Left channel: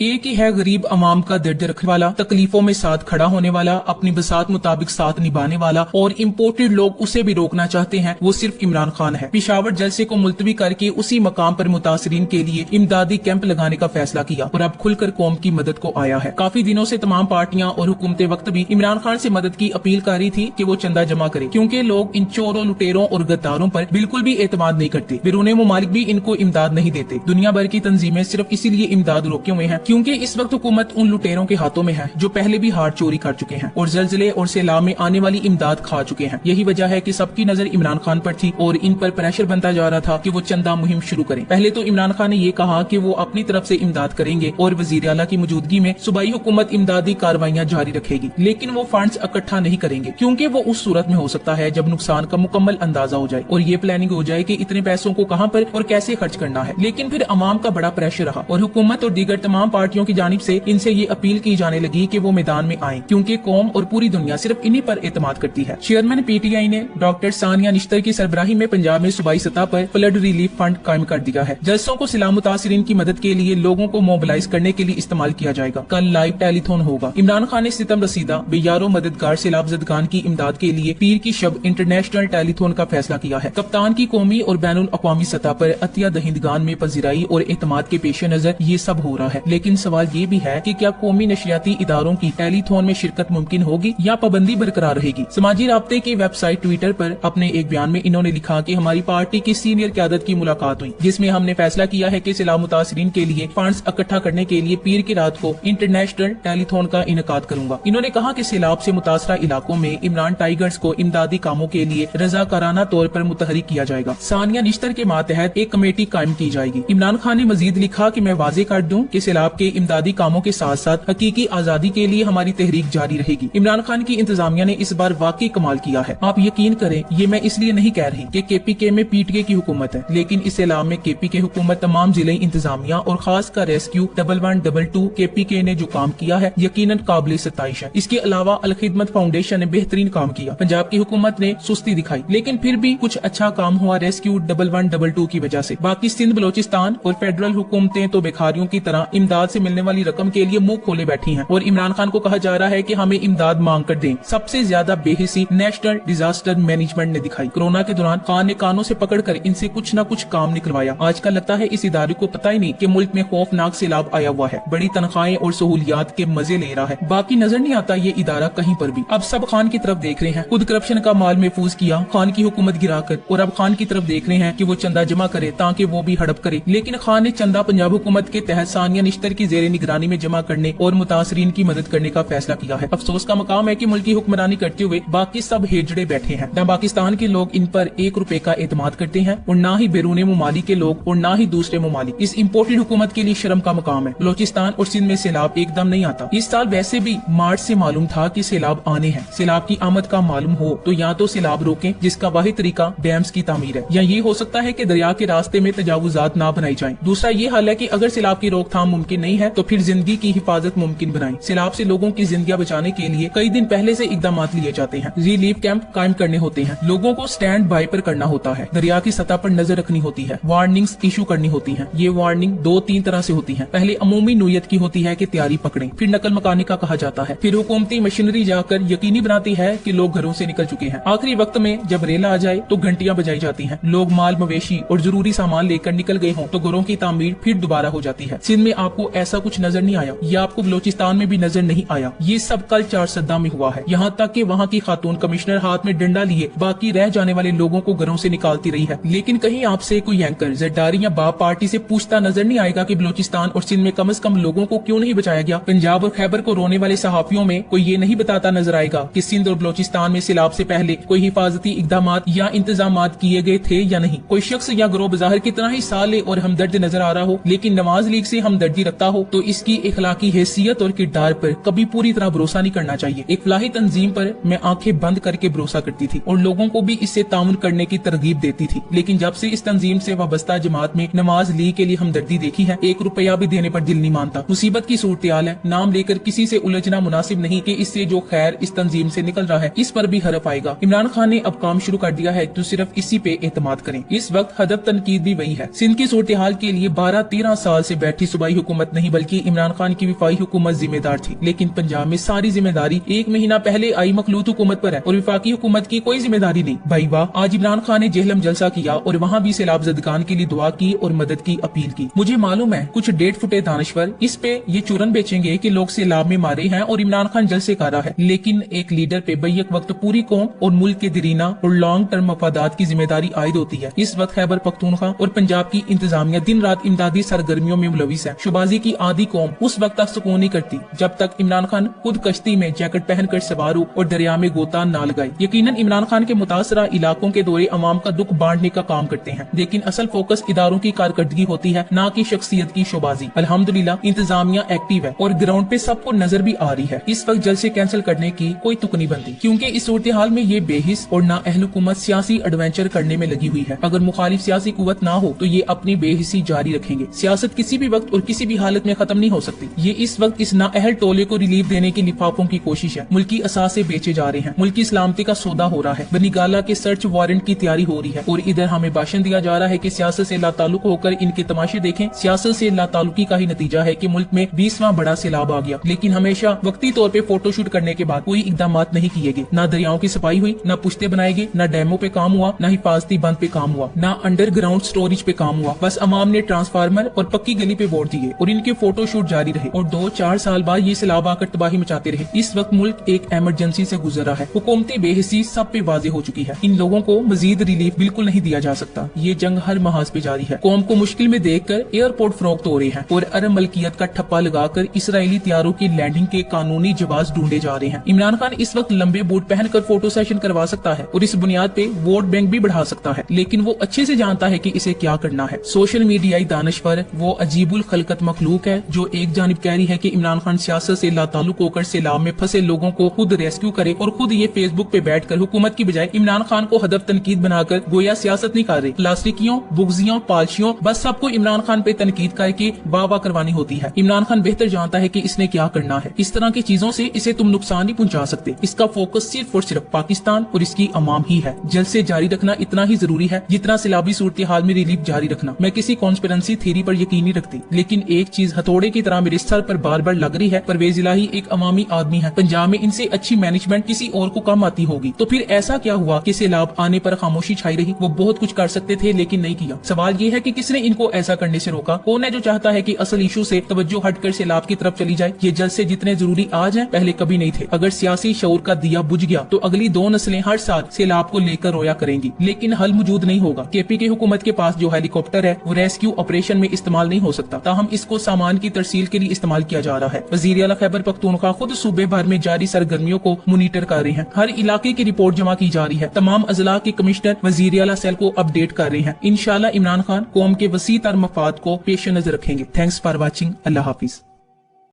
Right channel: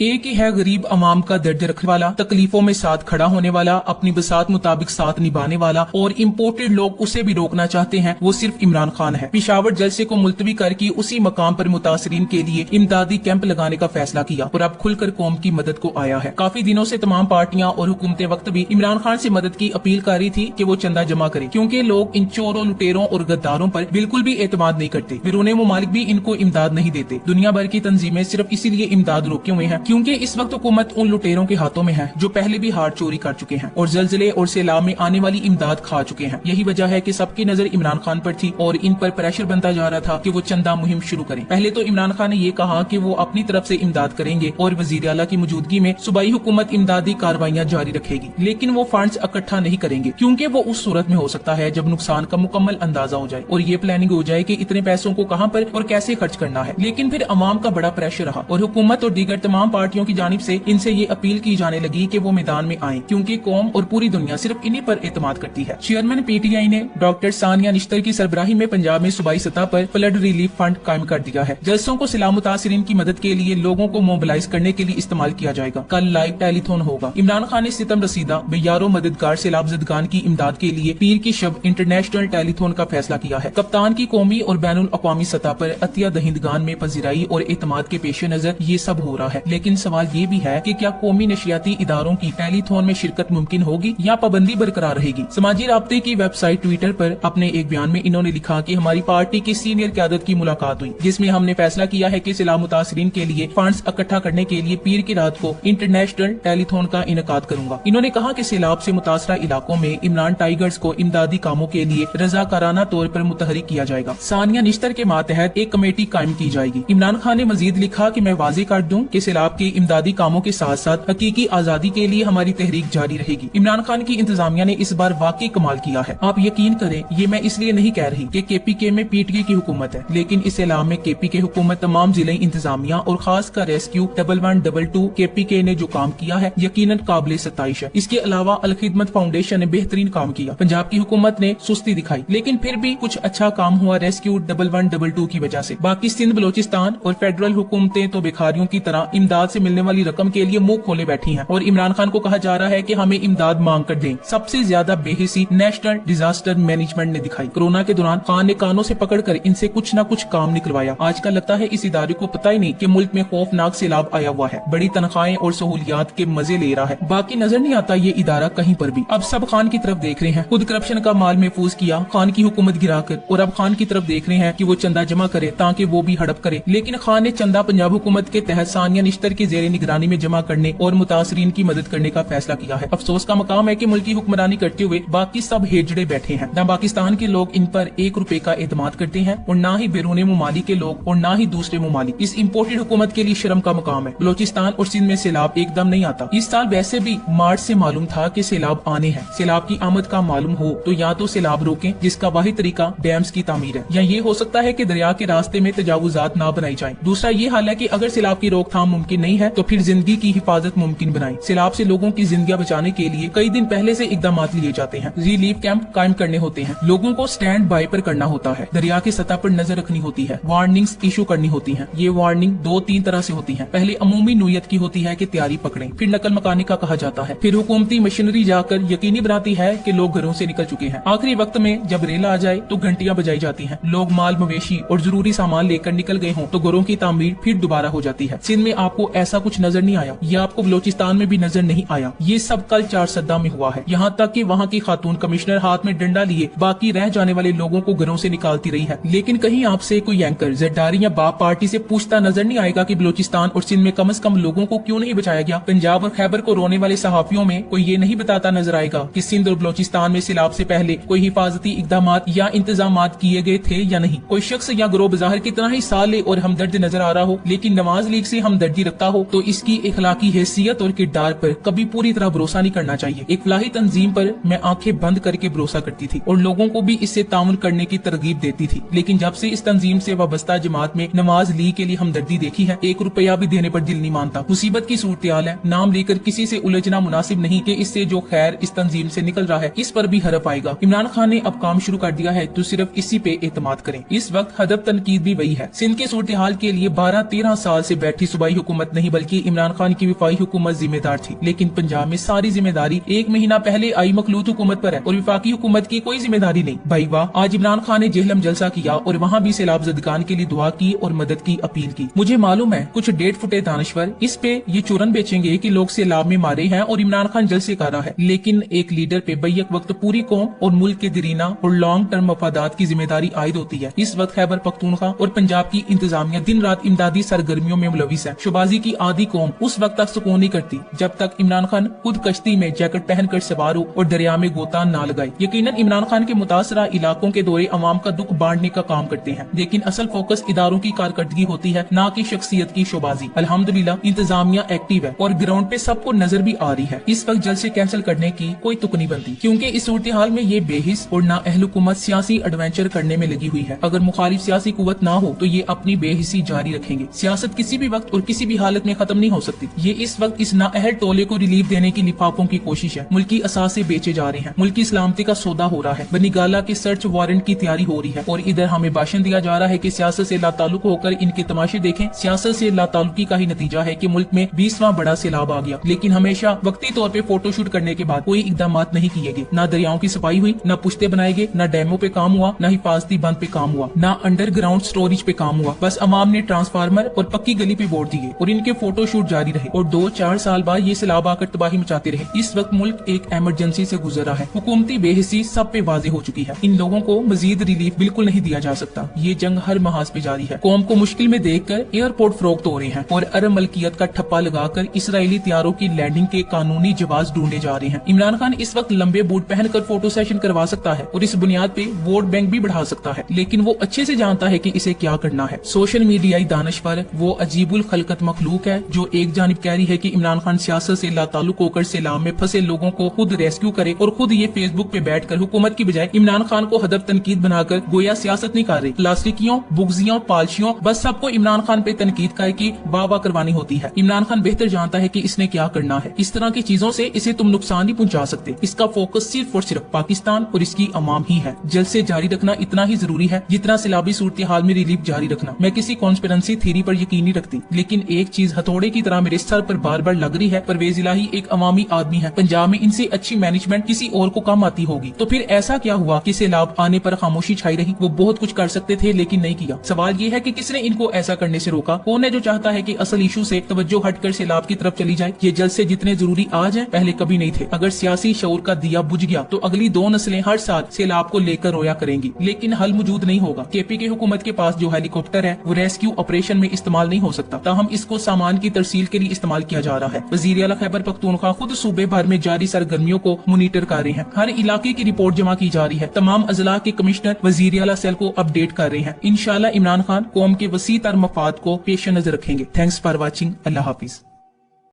एक ही है गरीब अवाम का दर्द रखने वाला, तकलीफों में साथ खड़ा होने वाला, अपनी बसात मुताबिक साथ निभाने वाला, और इम्पोर्टेड लोग उसे भी रोकना चाहते हैं, वो सिर्फ इमरान खान है। पिशावर जलसे को मुलतवी करके उसी मकाम पर मुतासरीन के लिए इमदादी कैंप लगाने का फैसला किया और अब खुलकर कौम की मदद को आया है। काफी दिनों से तमाम पार्टियां और हुकूमतें वक्त भी इमरान खान से मदद की अपील कर रही थी कि वो चंदा जमा करे, क्योंकि लोग इन चोरों, लुटेरों और गद्दारों पर बिल्कुल भी एतमाद नहीं करते। बैरून मुमालिक भी इनको इमदाद नहीं देते। दुनिया भर की तंजीमें सिर्फ इसीलिए इमदाद रोके हुए हैं क्योंकि इस वक्त हुकूमत उन लुटेरों के हाथों में है जो पहले भी हार चोरी कर चुके हैं और जलजले और सैलाब में आने वाली इमदाद खा चुके हैं। यही वजह है कि सबकी नजर इमरान खान पर थी और इन पर प्रेशर बनता जा रहा था कि वो चंदा मुहिम शुरू करें। पहले तो इमरान खान ने ये कहा कि वो अपनी तरफ से इमदाद करेंगे और वजीर आला की मौजूदगी में सूबाई हुकूमत इमदादी कार्रवाइयां जारी रखेगी, लेकिन वो फंड्स इकट्ठा नहीं करेंगे क्योंकि वो उस सूरत में हो सकता है जब नुकसान का मुकम्मल अंदाजा हो जाए और ये प्लानिंग हो जाए कि इतने पैसों को कहां पर और कैसे खर्च करना है। लेकिन फिर अवाम का बड़ा प्रेशर रहा और हुकूमत और दीगर तमाम पार्टियों की जानिब से इनसे ये अपील की जाने लगी कि वो मैदान में आए क्योंकि कौम और पूरी दुनिया सिर्फ इन्हीं पर एतमाद करती है। चेयरमैन पीटीआई ने डॉक्टर सानिया निश्तर की सरबराही में पंजाब में सूबाई सतह पर फ्लड रिलीफ फंड कायम कर दिया है। जलसों को सैलाब मुतासरीन की मदद के लिए लोगों को मोबिलाइज करने के लिए इस्तेमाल किया जाएगा। कल लाइव टेलीथॉन होगा। इमरान खान ने सितम रसीदा बेयारों मददगार सैलाब ज़दगान की इमदाद के लिए पीर की शब इंटरनेशनल टेलीथॉन का फैसला किया है। कप्तान की कौमी और बैनुल अक़वामी सतह पर अतिया दहिंदगान में पजीराई और एतमाद के पेश नजर ये सब हो रहा है, लेकिन सवाल ये भी है कि क्या कौमी नशरियाती इदारों की टेलीथॉन में शिरकत मुमकिन होगी या पाबंदी बरकरार रहेगी। समाजी राब्ते की वेबसाइट ट्विटर पर अपने एक बयान में इन्होंने लिखा कि हमारी पार्टी की सीनियर क़यादत की मुलाकात हुई जिसमें हमने फैसला किया है कि सैलाब मुतासरीन के लिए फंड्स इकट्ठा करने के लिए पीर की रात को इंटरनेशनल टेलीथॉन का इनेकाद करूंगा। इन्होंने कहा कि सैलाब से मुतासरा इलाकों में इमरान टाइगर्स को इमदादी कामों के लिए रजाकाराना तौर पर मुतहरिक किया जाएगा। सानिया निश्तर के मातहत एक कमेटी कायम की जाएगी। इमरान खान ने मजीद लिखा कि मैं वाज़ेह कर दूं कि सैलाब के इमदादी कामों के साथ साथ हकीकी आजादी के लिए हमारी तहरीक जारी रहेगी। इमरान खान की इंतजामिया ने इस बार वाकई कमाल किया है। आप यकीन करें, ये मैं इसलिए नहीं कह रही कि केपीके में पीटीआई की हुकूमत है, लेकिन इस सैलाब में केपीके हुकूमत, तमाम जिले इंतजामिया और खास कर रेस्क्यू 1112 केपीके ने जो काम किया है यकीनन काबिल सताइश है। इसके अलावा अल खिदमत फाउंडेशन ने बेहतरीन काम किया। पंजाब की हुकूमत ने सुस्ती दिखाई, लेकिन फिर भी कुछ अच्छा काम हुआ रेस्क्यू 1112 की वजह से। बाकी सिंध बलोचिस्तान और फेडरल हुकूमतें तो भिखारियों की तरह इमदाद से मिलने वाली रकम के लिए मुंह खोले बैठी हैं और इमरान खान को कहा जा रहा है कि हमें इमदाद मांग कर दें। सबसे ज्यादा बेहिसी नेशनल डिजास्टर मैनेजमेंट ने दिखाई। कोरोना के दौरान खान ने कानों से पकड़कर इनसे कुछ न कुछ काम निकलवाया। आजकल लगता है इस इदारे को पता ही नहीं कि मुल्क में खौफनाक सैलाब आया हुआ है। बड़ी तनख्वाहें और सहूलियात के मजे ले रहा है, बाकी नजर नहीं आता ये इदारा कहीं पर भी। अब सब खान की तरफ देख रहे हैं। खुद करप्शन का माल महफूज किया खान की हुकूमत गिराकर, और अब खान की तरफ देख रहे हैं कि वो चंदा जमा करे ताकि वो भी हड़प करे। लेकिन खान ने चंदा पंजाब हुकूमत के तहत सानिया निश्तर की जेर निगरानी में जमा करने और मुतासरीन की मदद करने का फैसला किया है। अफसोस का मकाम है कि मुल्क की हुक्मरानी करते हुए बाकी सब हेजड़े बैठे हैं। न पाकिस्तान के लोग इन पर 1 रुपए का एतमाद करते हैं और न ही बैरून मुमालिक के लोग और न ही दूसरे मुमालिक। इस इम्पोर्टेड हुकूमत के लिए शर्म का मुकाम है। बलोचिस्तान और सिंध में सैलाब एकदम नहीं आता। इस साल वैसे भी मार्च से मालूम था कि सैलाब आने हैं। सैलाब की आमद का मालूम हो तो या तो सैलाब रोके, जिसका वाहिद तरीका डैम्स की तामीर है, या ये हो सकता है कि दरिया के रास्ते में तजावुजात ना बनाई जाए। दूसरा ये हाल है कि अगर सैलाब की रोकथाम मुमकिन नहीं है तो फिर जिंदगी की हिफाजत मुमकिन बनाए। सैलाब से लोगों की जिंदगियां बचाने के लिए कई दिन पहले से इकदाम लिए जाते हैं। रिलीफ कैंप कायम करने होते हैं, लोगों को स्टैंड बाय पर करना होता है, दरिया की सतह पर नजर रखनी होती है, वार्निंग्स इशू करनी होती है। ये वार्निंग 2-3 तरह से होती है। पहले अमूमी नोयत की होती है कि तैयारी पकड़ें, फिर नकल मकानी का कहा जाता है, फिर हुकूमती मशीनरी जाकर यकीनी बनाती है कि लोग घरों से निकल चुके हैं। आखिरी वक्त में जब रेला आ जाए तो घंटियां बजाई जाती हैं। लोग माल मवेशी और जरूरी सामान लेकर निकल गए हों तो घरों की तामीर फिर दोबारा हो जाती है। सिंध में आपको ऐसा कुछ नजर नहीं आया, या आपको बलोचिस्तान में भी नजर नहीं आया। ये सब कल 4 सद्दा में हुआ है। यहाँ तक कि वहाँ की खातून कमिश्नर हाथ में डंडा लिए बाकी रह जाने वाले लोगों को घरों से निकालती रही है। लेकिन कहीं आपसे कोई एंकर, जरदारी या बाप पार्टी से पूछता नजर नहीं आएगा कि बलोचिस्तान और सिंध में कम से कम लोगों को क्यों नहीं बचाया गया। पंजाब और खैबर को रोने वाले सहाफियों में कोई ये नहीं बताता नजर आएगा कि सिंध और बलोचिस्तान में सैलाब से पहले कोई हिफाजती इकदाम या इंतजाम किए गए थे या नहीं। कोई शख्स या ग्रोह बाज़ाहिर की तरह ही साली और हमदर्द नजर आ रहा हो, लेकिन नवाज लीग से हमदर्दी रखता हो तो इसकी इखलाकी हैसियत और किरदार पर कभी पूरी तरह भरोसा नहीं करना चाहिए। एक फलाही तंजीम पर मैं आंखें बंद करके भरोसा करती थी और लोगों को भी इससे तामुल करने की तरगीब देती थी, लेकिन जब से इस तंजीम से वाबस्ता जमात में नवाज लीग के लिए हमदर्दी देखी है, 1 रुपया भी देने पर दिल नहीं मानता। मुसीबत की सूरत-ए-हाल है, नाम लेकर किसी से उलझना मुनासिब नहीं कि इससे जो खैर इस तंजीम से निकल रहा है इस पर भी हरफ आएगा। इमरान खान ने अब काम शुरू कर दिया है तो सिर्फ इसी पे एतमाद करें। इस वक्त हदफ तनकीद भी वही है। सिंध के सूरत-ए-हाल के लिए 12-13 साल से बैठी सूबाई हुकूमत हुकूमत नहीं बल्कि इमरान खान की वफाकी हुकूमत जिम्मेदार थी, लेकिन पंजाब में सारी जिम्मेदारी 1 महीना पहले आई मखलूत हुकूमत पर है और वफाकी हुकूमत की कोई जिम्मेदारी नहीं। भाई वाह, आज इमरान खान ने जेहलम जलसा किया और वहाँ भी सैलाब ज़दगान के लिए दुआ की और मदद की अपील की। मुझे मालूम है कुछ डेढ़ फुटे दानश्वर इस पे ये चूरन बेचेंगे कि लोग सैलाब में मारे हैं और इमरान खान जलसे कर रहा है, लेकिन एक लीडर पे बैक वक्त पूरी कौम और मुल्क की दरीना और लॉन्ग टर्म मफादात की जिम्मेदारी आयद होती है। इस वक्त खैबर पख्तूनख्वा और पंजाब की इंतजामिया दिन रात इमदादी सरगर्मियों में मुलविस है। शुबाजी की आधी कौम उस वक्त तक सुकून नहीं करती जब तक इमरान खान खुद कश्ती में जैकेट पहनकर सवार हो और दरिया में गोता ना लगाए। यकीनन इमरान खान के मुतासरा इलाकों के दौरे अवाम का दुख बांटने का काम करते हैं, लेकिन असल फोकस इदारों की कारकर्दगी होती है, न कि शख्सियत की शोबाजी। अल्हम्दुलिल्लाह इंतजामिया एक्टिव है और ग्राउंड पे सबको नजर भी आ रही है। इस वक्त जलसे कैंसिल करने की कोई तुक नहीं बनती, क्योंकि इस सूरत हाल में ये बेहिस और नाअहल हुकूमत सियासी एडवेंचर करने में लगी हुई है। अगर मुखालिफ सियासी कुव्वत ना हो तो ये अपनी बेहिसी जारी रखेंगे। सियासत किसी भी वक्त और किसी भी हालत में खत्म नहीं हो सकती। ये इस वक्त इस नाअहल टोले को रिलीफ देने की लिफाफों की कोशिश है। मुल्की असासे बेचे जा रहे हैं, मुल्की सलामती का सौदा हो रहा है, बनीगाला के सर्च वारंट की तैयारी हो रही है और इधर हमें भाषण दिया जा रहा है कि सियासत से लाताल्लुक होकर इनके तमाशे देखें। सियासत से लाताल्लुकी का ही नतीजा है कि मुल्क में 20वां बड़ा सैलाब आ गया, लेकिन हमेशा वक्ती तौर पे फोटोशूट करने के बाद कोई इकदाम नहीं किए गए। न दरियाओं की सफाई हुई, न पुश्ते बनाए गए, न डैमों पे काम हुआ, न हिफाजती बंद पे काम हुआ, न अंडरग्राउंड स्टोरेज पे काम हुआ। बस अवाम ने ट्रांसफार्मर और पक्की गली पे वोट दिए और इनके फोटोशूट जारी रहे और 2-4 साल बाद ये सैलाब आकर तबाही मचाते रहे। इस वक्त मुल्क एक इमरजेंसी से गुजर रहा है। हुकूमती बेहिसी सब पे वाज़ेह हो चुकी है। इन लोगों को मजीद रिलीफ बिल्कुल नहीं दिया जा सकता। ये जंग हर महाज पे जारी है। कौम को मुश्किल में देखकर एयरपोर्ट फरोख्त हो रहे हैं और अरब मलकियत का ठप्पा लगाकर इसराइली तैयारों की लैंडिंग के कानूनी जवाब ढूंढे जा रहे हैं। इमरान खान इस वक्त लंबे बूट पहनकर फोटो सेशन करवा सकता है और इस बुनियाद पे वोट बैंक भी बढ़ा सकता है, लेकिन वो अच्छे से जानता है कि इसे क्या करना है। सोशल मीडियाई दानिशवर वो अजीबुल खलकत मखलूक है जो एक जानिब कह रही है कि इमरान खान सियासत से लाताल्लुक होकर सैलाब में फंसे लोगों को खुद रेस्क्यू करे और खुद ये फेसबुक पे बैठकर हुकूमत की बजाय इमरान खान को हदफ तनकीद बनाकर गोया सियासत नहीं कर रहे। प्लास्टिकियों, बुगजियों, पालशियों बस सबको इमरान खान पे तनकीद करके वाह करवानी होती है। इमरान खान बेहतर जानता है कि इसने क्या करना है। इस तरह की चीजों से इसे तुम नुकसान नहीं पहुंचा सकते। इसका फोकस सिर्फ और सिर्फ पाकिस्तान और इसकी अवाम ही है। जल्द से जारी रखना इतना ही जरूरी है जितना सैलाबी सूरत हाल में रिलीफ जारी रखना। मैं किसी कॉन्स्पिरेंसी थ्योरी पर यकीन नहीं रखती, लेकिन एक चीज हथौड़े की तरह मेरे सर पर बार बार लग रही है। परवेज इलाही एक अवामी आदमी है। पंजाब में इनसे अच्छी मैनेजमेंट किसी और को कम आती होगी, तो फिर ऐसा क्या हुआ कि सैलाब आने पर खामोशी छाई रही? वो बहुत कुछ कर सकते थे लेकिन नहीं किया। सवाल ये है कि किसने इनको ऐसा करने से रोका? कौन है जो चाहता है कि असल इशू से तवज्जो हटकर सैलाब की तरफ चली जाए? ये जल्द से जितने जरूरी आज हैं पहले कभी नहीं थे। अगर सियासी शऊर का दिया बुझ गया तो अगली 2 नस्लें हर साल सैलाब को लेकर रोया करेंगी, लेकिन हल मौजूद नहीं होगा। केपी की हुकूमत के पास जो हेलीकॉप्टर है वो रेस्क्यू ऑपरेशन में इस्तेमाल नहीं हो सकता, ताहम इसको सामान की तरसील के लिए इस्तेमाल किया जा रहा है। वजीर आला खैबर पख्तूनख्वा खुद सूबे भर में जारी सरगर्मियों को मॉनिटर कर रहे हैं। हर इलाके की रिपोर्ट जमा की जा रही है। तमाम अजला के कमिश्नर वजीर आला सेल को अपडेट कर रहे हैं। इंशाल्लाह इमरान खान कौम के वसी तर मफाद को पेश नजर रखेंगे। Thanks for watching. Allah Hafiz.